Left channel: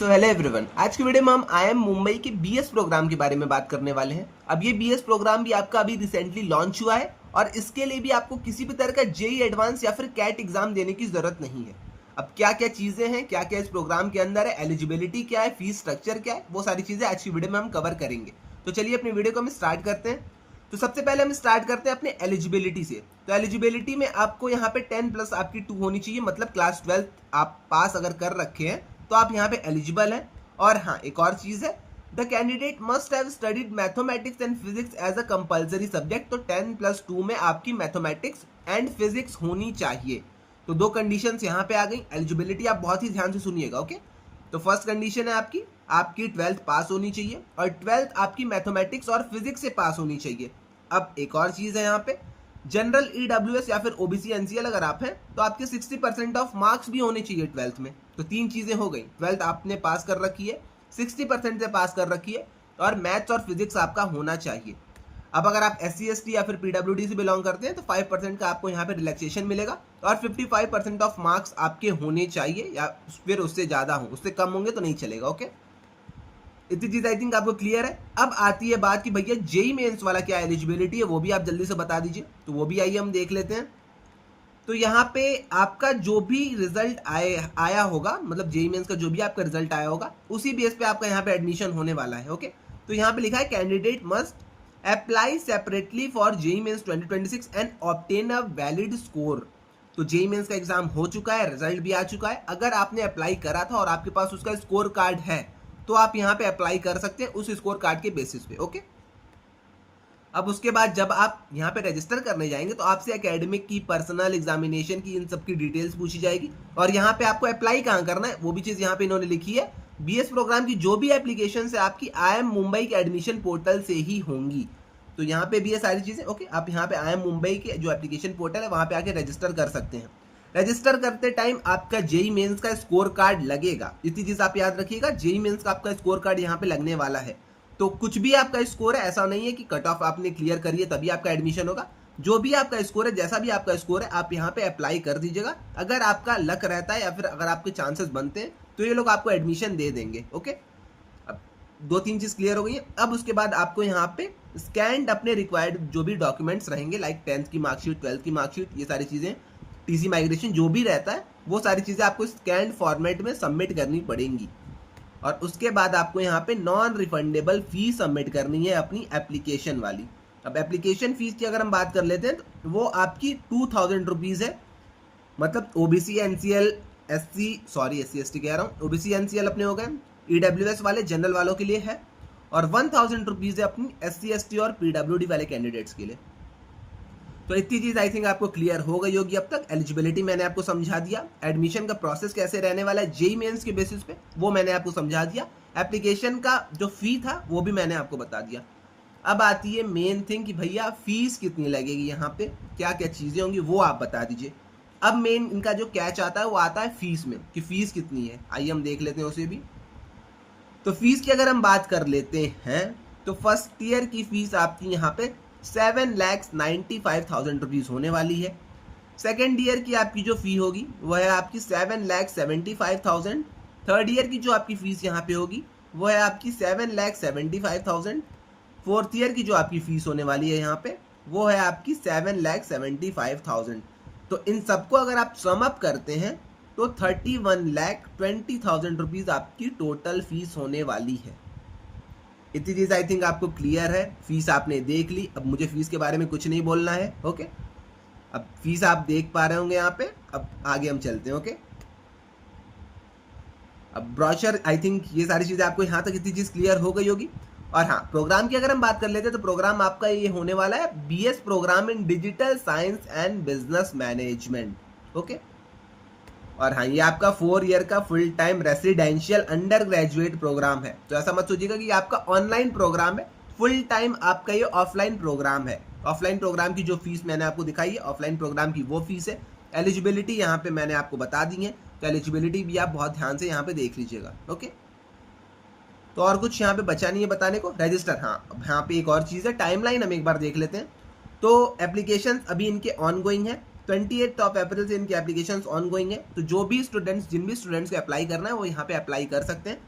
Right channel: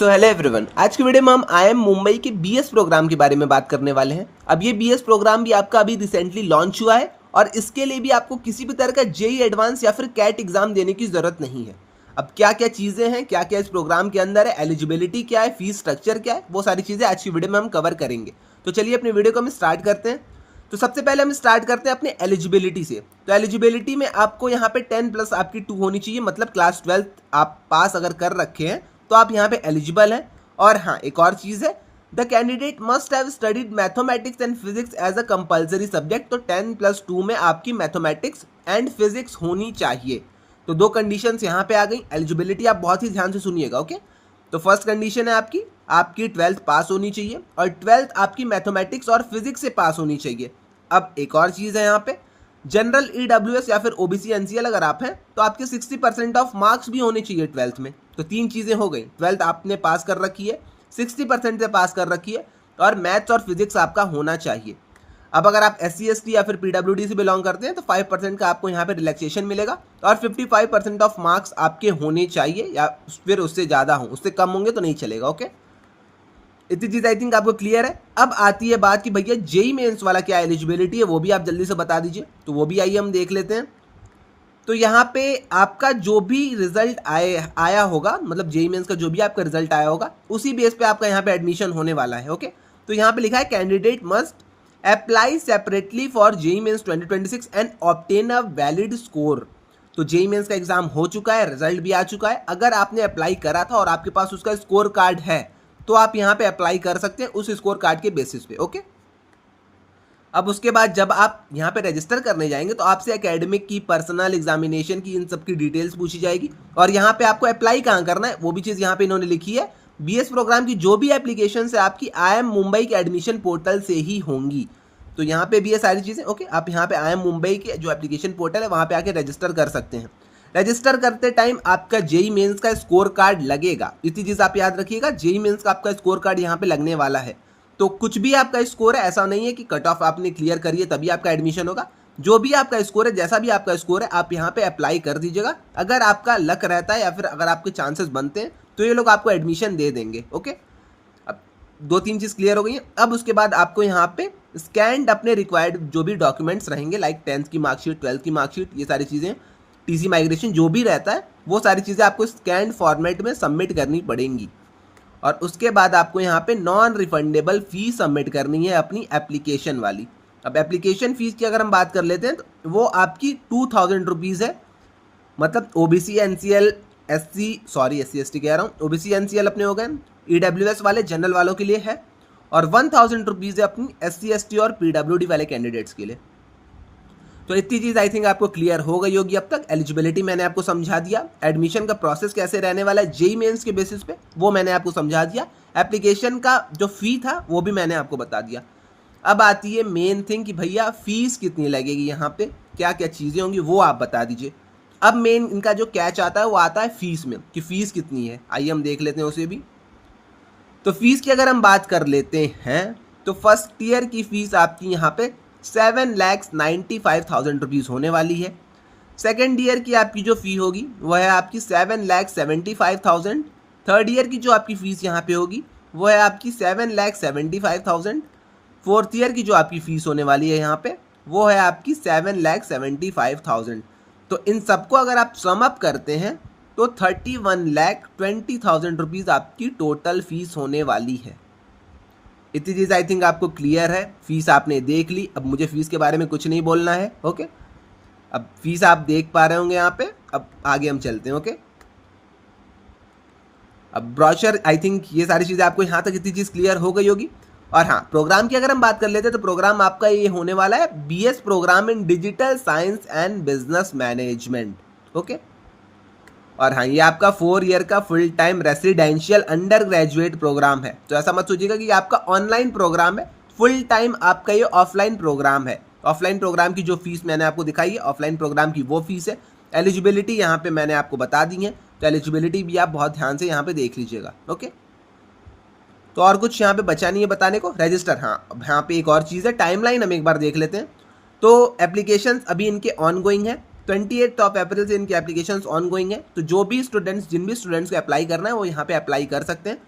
Hello everyone, आज की video में हम IIM मुंबई के बीएस प्रोग्राम के बारे में बात करने वाले हैं। अब ये बीएस प्रोग्राम भी आपका अभी रिसेंटली लॉन्च हुआ है और इसके लिए भी आपको किसी भी तरह का जेई एडवांस या फिर कैट एग्जाम देने की जरूरत नहीं है। अब क्या क्या चीज़ें हैं, क्या क्या इस प्रोग्राम के अंदर है, एलिजिबिलिटी क्या है, फीस स्ट्रक्चर क्या है, वो सारी चीज़ें आज की वीडियो में हम कवर करेंगे। तो चलिए अपनी वीडियो को हम स्टार्ट करते हैं। तो सबसे पहले हम स्टार्ट करते हैं अपने एलिजिबिलिटी से। तो एलिजिबिलिटी में आपको यहाँ पे 10+ आपकी 2 होनी चाहिए, मतलब क्लास 12 आप पास अगर कर रखे हैं तो आप यहाँ पे एलिजिबल हैं। और हाँ, एक और चीज़ है, the candidate must have studied mathematics and physics as a compulsory subject. तो 10+2 में आपकी मैथमेटिक्स एंड फिजिक्स होनी चाहिए। तो दो कंडीशंस यहाँ पे आ गई। एलिजिबिलिटी आप बहुत ही ध्यान से सुनिएगा, ओके। तो फर्स्ट कंडीशन है आपकी 12th पास होनी चाहिए और 12th आपकी मैथमेटिक्स और फिजिक्स से पास होनी चाहिए। अब एक और चीज़ है यहाँ पे, जनरल ईडब्ल्यूएस या फिर ओबीसी एनसीएल अगर आप हैं तो आपके 60% ऑफ मार्क्स भी होने चाहिए 12th में। तो तीन चीज़ें हो गई, 12th आपने पास कर रखी है, 60% से पास कर रखी है और मैथ्स और फिजिक्स आपका होना चाहिए। अब अगर आप SC ST या फिर PWD से बिलोंग करते हैं तो 5% का आपको यहाँ पे रिलैक्सेशन मिलेगा और 55% ऑफ मार्क्स आपके होने चाहिए या फिर उससे ज़्यादा हो, उससे कम होंगे तो नहीं चलेगा, ओके। इतनी चीज़ आई थिंक आपको क्लियर है। अब आती है बात कि भैया जेई मेंस वाला क्या एलिजिबिलिटी है, वो भी आप जल्दी से बता दीजिए। तो वो भी आइए हम देख लेते हैं। तो यहाँ पे आपका जो भी रिजल्ट आया होगा, मतलब जेई मेंस का जो भी आपका रिजल्ट आया होगा, उसी बेस पे आपका यहाँ पे एडमिशन होने वाला है, ओके। तो यहाँ पे लिखा है candidate must apply separately for JEE Mains 2026 and obtain a valid score. तो जेई मेंस का एग्जाम हो चुका है, रिजल्ट भी आ चुका है। अगर आपने अप्लाई करा था और आपके पास उसका स्कोर कार्ड है तो आप यहाँ पे अप्लाई कर सकते हैं उस स्कोर कार्ड के बेसिस पे, ओके। अब उसके बाद जब आप यहाँ पे रजिस्टर करने जाएंगे तो आपसे एकेडमिक की, पर्सनल एग्जामिनेशन की, इन सब की डिटेल्स पूछी जाएगी और यहाँ पे आपको अप्लाई कहाँ करना है वो भी चीज़ यहाँ पे इन्होंने लिखी है। बीएस प्रोग्राम की जो भी एप्लीकेशन है आपकी IIM मुंबई के एडमिशन पोर्टल से ही होंगी। तो यहाँ पे भी ये सारी चीज़ें, ओके। आप यहाँ पे IIM मुंबई के जो एप्लीकेशन पोर्टल है वहाँ पे आके रजिस्टर कर सकते हैं। रजिस्टर करते टाइम आपका जेई मेंस का स्कोर कार्ड लगेगा, इतनी चीज़ आप याद रखिएगा। जेई मेंस का आपका स्कोर कार्ड यहाँ पे लगने वाला है। तो कुछ भी आपका स्कोर है, ऐसा नहीं है कि कट ऑफ आपने क्लियर करिए तभी आपका एडमिशन होगा। जो भी आपका स्कोर है, जैसा भी आपका स्कोर है, आप यहाँ पे अप्लाई कर दीजिएगा। अगर आपका लक रहता है या फिर अगर आपके चांसेस बनते हैं तो ये लोग आपको एडमिशन दे देंगे, ओके। अब 2-3 चीज़ क्लियर हो गई है। अब उसके बाद आपको यहाँ पे स्कैंड अपने रिक्वायर्ड जो भी डॉक्यूमेंट्स रहेंगे, लाइक 10th की मार्कशीट, 12th की मार्कशीट, ये सारी चीज़ें, टीसी माइग्रेशन जो भी रहता है, वो सारी चीज़ें आपको स्कैंड फॉर्मेट में सबमिट करनी पड़ेंगी। और उसके बाद आपको यहाँ पे नॉन रिफंडेबल फीस सबमिट करनी है अपनी एप्लीकेशन वाली। अब एप्लीकेशन फ़ीस की अगर हम बात कर लेते हैं तो वो आपकी 2000 रुपीज़ है। मतलब ओबीसी एनसीएल SC ST कह रहा हूँ, ओबीसी एनसीएल अपने हो गए, ईडब्ल्यूएस वाले जनरल वालों के लिए है और 1000 रुपीज़ है अपनी SC ST और PWD वाले कैंडिडेट्स के लिए। तो इतनी चीज़ आई थिंक आपको क्लियर हो गई होगी अब तक। एलिजिबिलिटी मैंने आपको समझा दिया, एडमिशन का प्रोसेस कैसे रहने वाला है जेई मेंस के बेसिस पे वो मैंने आपको समझा दिया, एप्लीकेशन का जो फ़ी था वो भी मैंने आपको बता दिया। अब आती है मेन थिंग कि भैया फ़ीस कितनी लगेगी, यहाँ पे क्या क्या चीज़ें होंगी वो आप बता दीजिए। अब मेन इनका जो कैच आता है वो आता है फ़ीस में, कि फ़ीस कितनी है। आइए हम देख लेते हैं उसे भी। तो फीस की अगर हम बात कर लेते हैं तो फर्स्ट ईयर की फ़ीस आपकी यहाँ पे 7,95,000 रुपीज़ होने वाली है। सेकेंड ईयर की आपकी जो फ़ी होगी वह है आपकी 7,75,000। थर्ड ईयर की जो आपकी फ़ीस यहाँ पे होगी वो है आपकी 7,75,000। फोर्थ ईयर की जो आपकी फ़ीस होने वाली है यहाँ पे वो है आपकी 7,75,000। तो इन सबको अगर आप सम अप करते हैं तो 31,20,000 रुपीज़ आपकी टोटल फीस होने वाली है। इतनी चीज़ आई थिंक आपको क्लियर है। फीस आपने देख ली, अब मुझे फीस के बारे में कुछ नहीं बोलना है, ओके। अब फीस आप देख पा रहे होंगे यहाँ पे। अब आगे हम चलते हैं, ओके। अब ब्रोशर, आई थिंक ये सारी चीज़ें आपको यहाँ तक इतनी चीज़ क्लियर हो गई होगी। और हाँ, प्रोग्राम की अगर हम बात कर लेते हैं तो प्रोग्राम आपका ये होने वाला है BS program in digital science and business management, okay. और हाँ, ये आपका 4 ईयर का full time residential undergraduate program है। तो ऐसा मत सोचिएगा कि आपका ऑनलाइन प्रोग्राम है, फुल टाइम आपका ये ऑफलाइन प्रोग्राम है। ऑफलाइन प्रोग्राम की जो फीस मैंने आपको दिखाई है, ऑफलाइन प्रोग्राम की वो फीस है। एलिजिबिलिटी यहाँ पे मैंने आपको बता दी है, तो एलिजिबिलिटी भी आप बहुत ध्यान से यहाँ पे देख लीजिएगा, ओके। तो और कुछ यहाँ पे बचा नहीं है बताने को। रजिस्टर, हाँ, अब यहाँ पे एक और चीज़ है, टाइमलाइन हम एक बार देख लेते हैं। तो एप्लीकेशन अभी इनके ऑन गोइंग है, 28 ऑफ अप्रैल से इनकी एप्लीकेशंस ऑन गोइंग है, तो जो भी स्टूडेंट्स जिन भी स्टूडेंट्स को अप्लाई करना है वो यहाँ पे अप्लाई कर सकते हैं।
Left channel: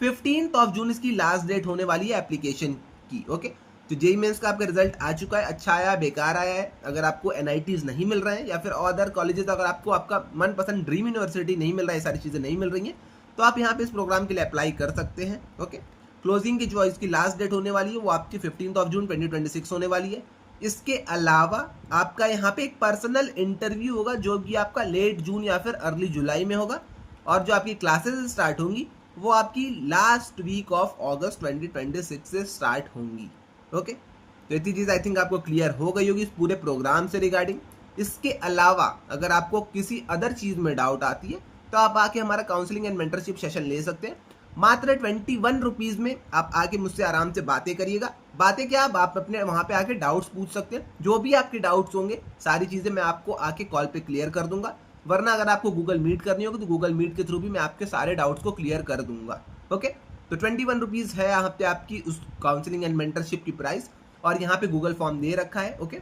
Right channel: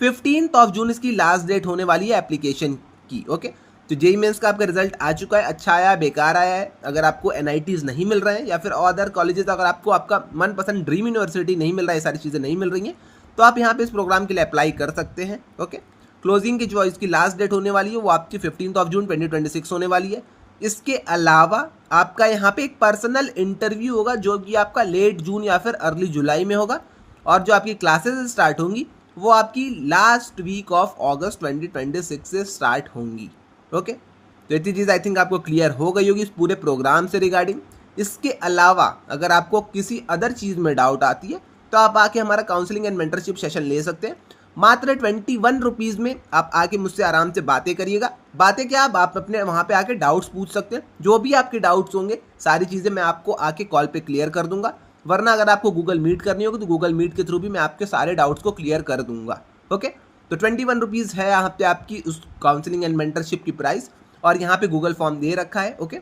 15 ऑफ जून इसकी लास्ट डेट होने वाली है एप्लीकेशन की। ओके, तो जेईई मेंस का आपका रिजल्ट आ चुका है, अच्छा आया, बेकार आया है, अगर आपको एनआईटीज नहीं मिल रहे हैं या फिर अदर कॉलेजेस, अगर आपको आपका मनपसंद ड्रीम यूनिवर्सिटी नहीं मिल रहा है, ये सारी चीज़ें नहीं मिल रही हैं, तो आप यहाँ पे इस प्रोग्राम के लिए अप्लाई कर सकते हैं। ओके, क्लोजिंग की जो इसकी लास्ट डेट होने वाली है वो आपकी 15 ऑफ जून 2026 होने वाली है। इसके अलावा आपका यहाँ पे एक पर्सनल इंटरव्यू होगा जो कि आपका लेट जून या फिर अर्ली जुलाई में होगा, और जो आपकी क्लासेस स्टार्ट होंगी वो आपकी लास्ट वीक ऑफ अगस्त 2026 से स्टार्ट होंगी। ओके, तो इतनी चीज़ आई थिंक आपको क्लियर हो गई होगी इस पूरे प्रोग्राम से रिगार्डिंग। इसके अलावा अगर आपको किसी अदर चीज़ में डाउट आती है तो आप आके हमारा काउंसलिंग एंड मेंटरशिप सेशन ले सकते हैं। मात्र 21 रुपीज़ में आप आके मुझसे आराम से बातें करिएगा। बातें क्या, आप अपने वहाँ पे आके डाउट्स पूछ सकते हैं, जो भी आपके डाउट्स होंगे सारी चीज़ें मैं आपको आके कॉल पे क्लियर कर दूंगा। वरना अगर आपको गूगल मीट करनी होगी तो गूगल मीट के थ्रू भी मैं आपके सारे डाउट्स को क्लियर कर दूंगा। ओके, तो 21 रुपीज़ है यहाँ पे आपकी उस काउंसलिंग एंड मेंटरशिप की प्राइस, और यहाँ पे गूगल फॉर्म दे रखा है। ओके,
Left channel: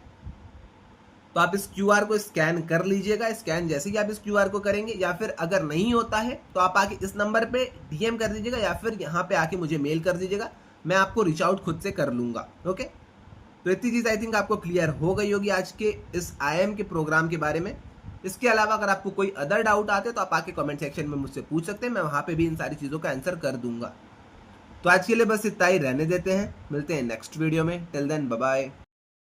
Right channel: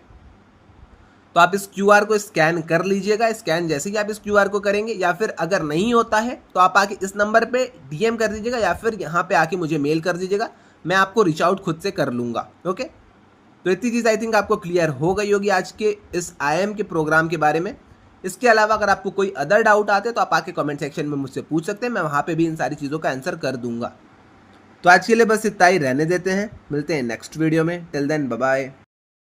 तो आप इस क्यूआर को स्कैन कर लीजिएगा। स्कैन जैसे ही आप इस क्यूआर को करेंगे, या फिर अगर नहीं होता है तो आप आके इस नंबर पे डीएम कर दीजिएगा, या फिर यहाँ पे आके मुझे मेल कर दीजिएगा, मैं आपको रीच आउट खुद से कर लूँगा। ओके, तो इतनी चीज़ आई थिंक आपको क्लियर हो गई होगी आज के इस IIM के प्रोग्राम के बारे में। इसके अलावा अगर आपको कोई अदर डाउट आते हैं तो आप आके कमेंट सेक्शन में मुझसे पूछ सकते हैं, मैं वहाँ पे भी इन सारी चीज़ों का आंसर कर दूंगा। तो आज के लिए बस इतना ही रहने देते हैं, मिलते हैं नेक्स्ट वीडियो में। Till then bye bye.